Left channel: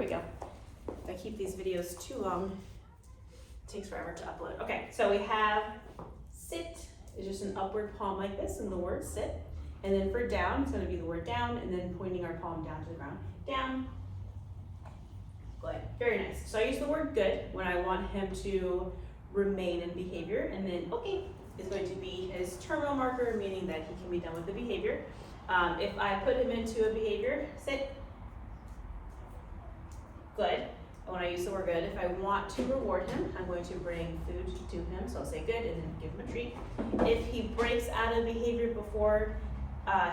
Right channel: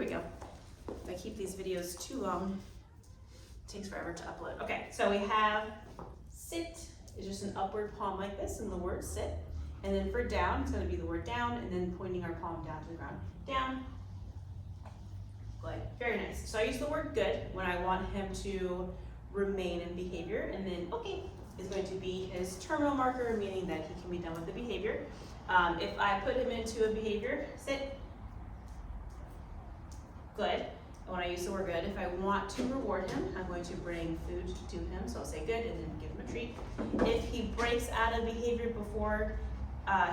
we go. If I keep these videos too long, it takes forever to upload. Okay, so we have sit is just an upward palm like this and the word sit. And then for down, it's going to be the word down and then pointing our palm down to the ground. Down. Good. Very nice. So I use the word good when I want him to remain in behavior. And then okay is going to be his terminal marker, meaning that he can be done with the behavior. If I put him into a behavior, sit. Good. And when I use the word good, if I want to reward him, I'm going to bring food to him. So I'll say good and then give him a treat. If he breaks out of behavior before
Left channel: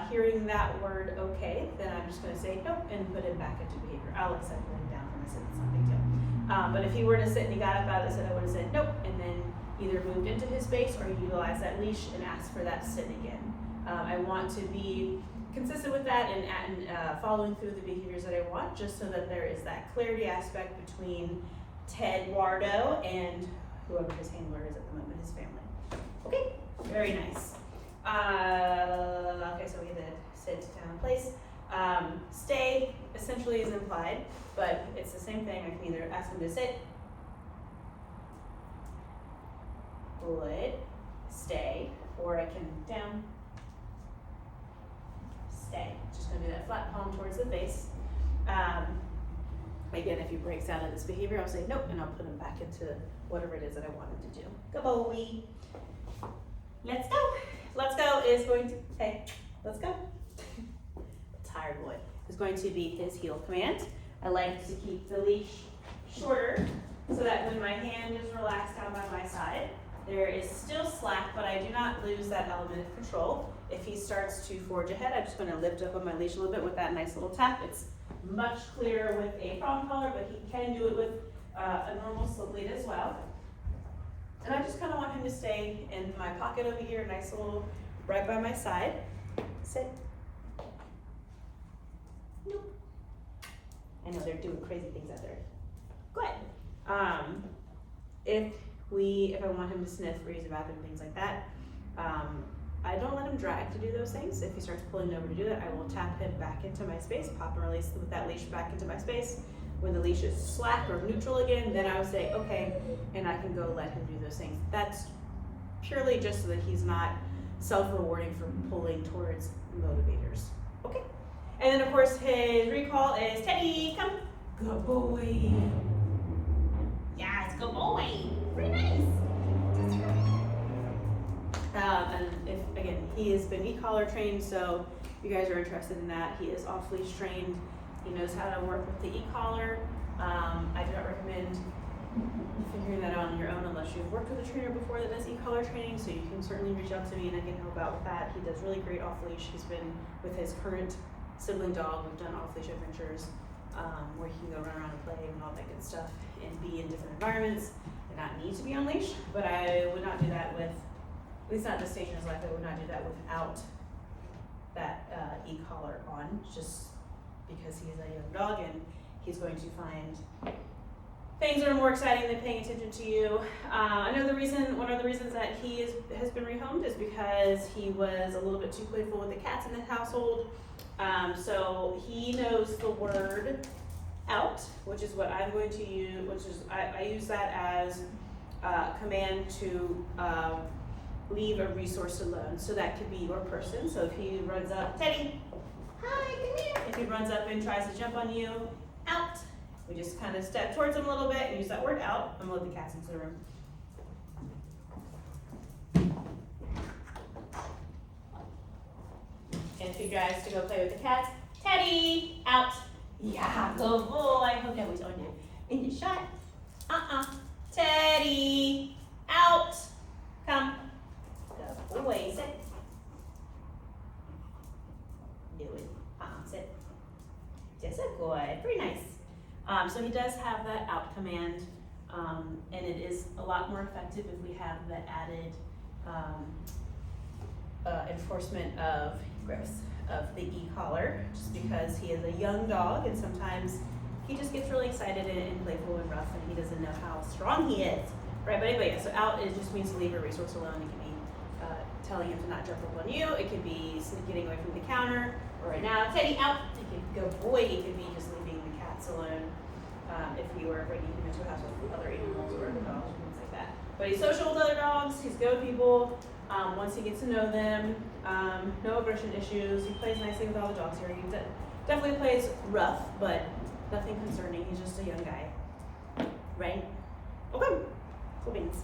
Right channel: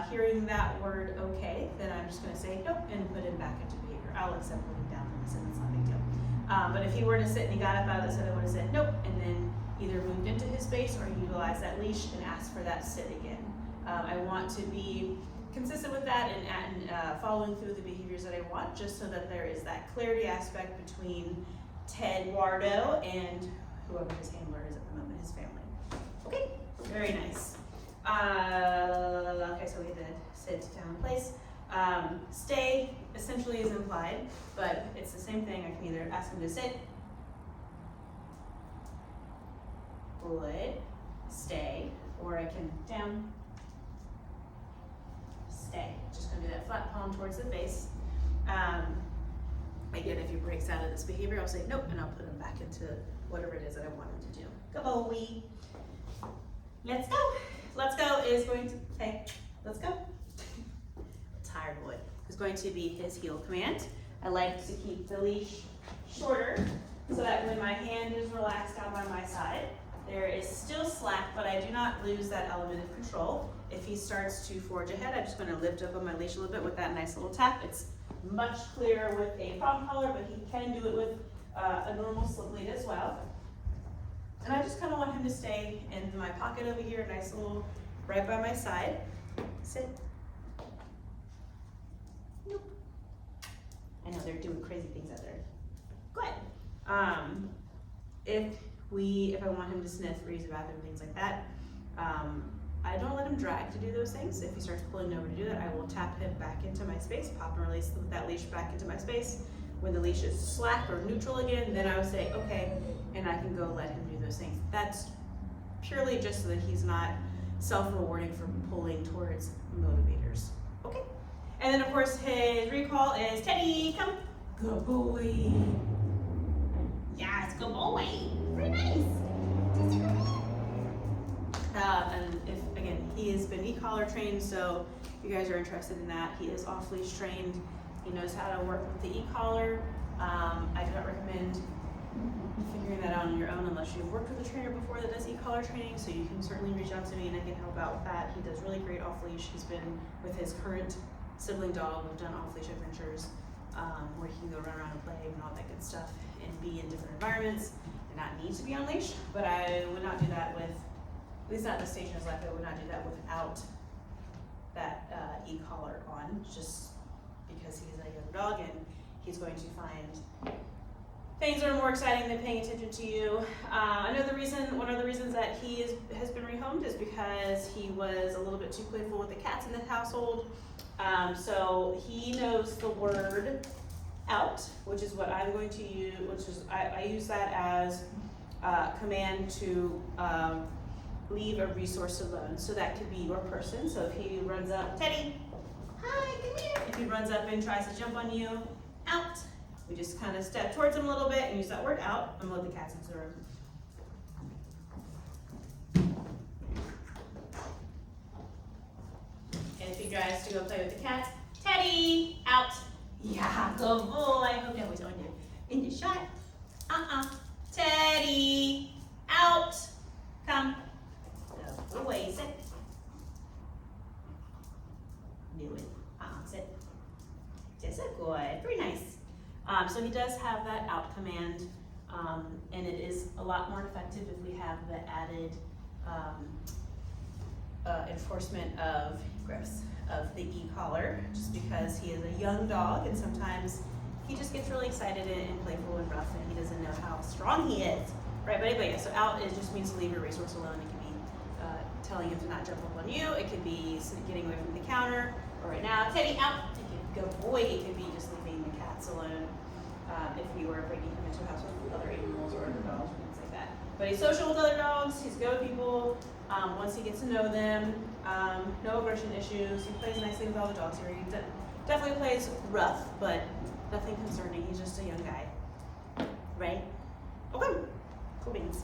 hearing that word okay, then I'm just going to say nope and put him back into behavior. I'll accept putting down from a sit, that's not a big deal. But if he were to sit and he got up out of the sit, I would have said nope and then either moved into his space or utilized that leash and asked for that sit again. I want to be consistent with that and following through the behaviors that I want, just so that there is that clarity aspect between Teddy2 and whoever his handler is at the moment, his family. Okay, very nice. Okay, so we had to sit down in place. Stay essentially is implied, but it's the same thing. I can either ask him to sit, good, stay, or I can down, stay. Just gonna do that flat palm towards the face. Again, if he breaks out of this behavior, I'll say nope, and I'll put him back into whatever it is that I want him to do. Good boy. Let's go. Let's go is going to, hey, let's go. Tired boy is going to be his heel command. I like to keep the leash shorter so that when my hand is relaxed down by my side, there is still slack, but I do not lose that element of control. If he starts to forge ahead, I'm just going to lift up on my leash a little bit with that nice little tap. It's much clearer with a prong collar, but he can do it with a normal slip lead as well. And I just kind of want him to stay in my pocket over here, nice little right by my side. Sit. Nope. I know they're doing crazy things out there. Good. If I want him to sniff or use the bathroom, things like that, I don't let him drag to do those things. If he starts pulling over to do that, I will tap him back into my space, pop and release with that leash back into my space. When the leash is slack or neutral again, then I would say, okay, and I can go let him do those things. That's purely just so that he's not self-rewarding for pulling towards motivators. Okay? And then of course his recall is Teddy, come. Good boy. Yes, good boy. Very nice. And if, again, he has been e-collar trained, so if you guys are interested in that, he is off-leash trained. He knows how to work with the e-collar. I do not recommend figuring that out on your own unless you've worked with a trainer before that does e-collar training, so you can certainly reach out to me and I can help out with that. He does really great off-leash. He's been with his current sibling dog. We've done off-leash adventures where he can go run around and play and all that good stuff and be in different environments and not need to be on leash, but I would not do that with, at least not at this stage in his life, I would not do that without that e-collar on, just because he's a young dog and he's going to find things that are more exciting than paying attention to you. I know one of the reasons that he has been rehomed is because he was a little bit too playful with the cats in the household. So he knows the word out, which is what I'm going to use, I use that as a command to leave a resource alone. So that could be your person. So if he runs up, Teddy, hi, come here. If he runs up and tries to jump on you, out. We just kind of step towards him a little bit and use that word out. I'm gonna let the cats into the room. And if he tries to go play with the cats, Teddy, out. Yeah, good boy. Okay, he's on you. In the shot. Teddy, out. Come. Good boy, sit. Do it. Sit. Just a good. Very nice. So he does have that out command, and it is a lot more effective if we have the added enforcement of grips of the e-collar, just because he is a young dog and sometimes he just gets really excited and playful and rough and he doesn't know how strong he is, right? But yeah, so out it just means to leave a resource alone. It can be telling him to not jump up on you. It could be getting away from the counter, or right now, Teddy, out. It could go boy. It could be just leaving the cats alone. if you are bringing him into the house with other animals or other dogs or things like that. But he's social with other dogs, he's good with people, once he gets to know them, no aggression issues, he plays nicely with all the dogs here. He definitely plays rough, but nothing concerning, he's just a young guy, right? Okay, cool beans.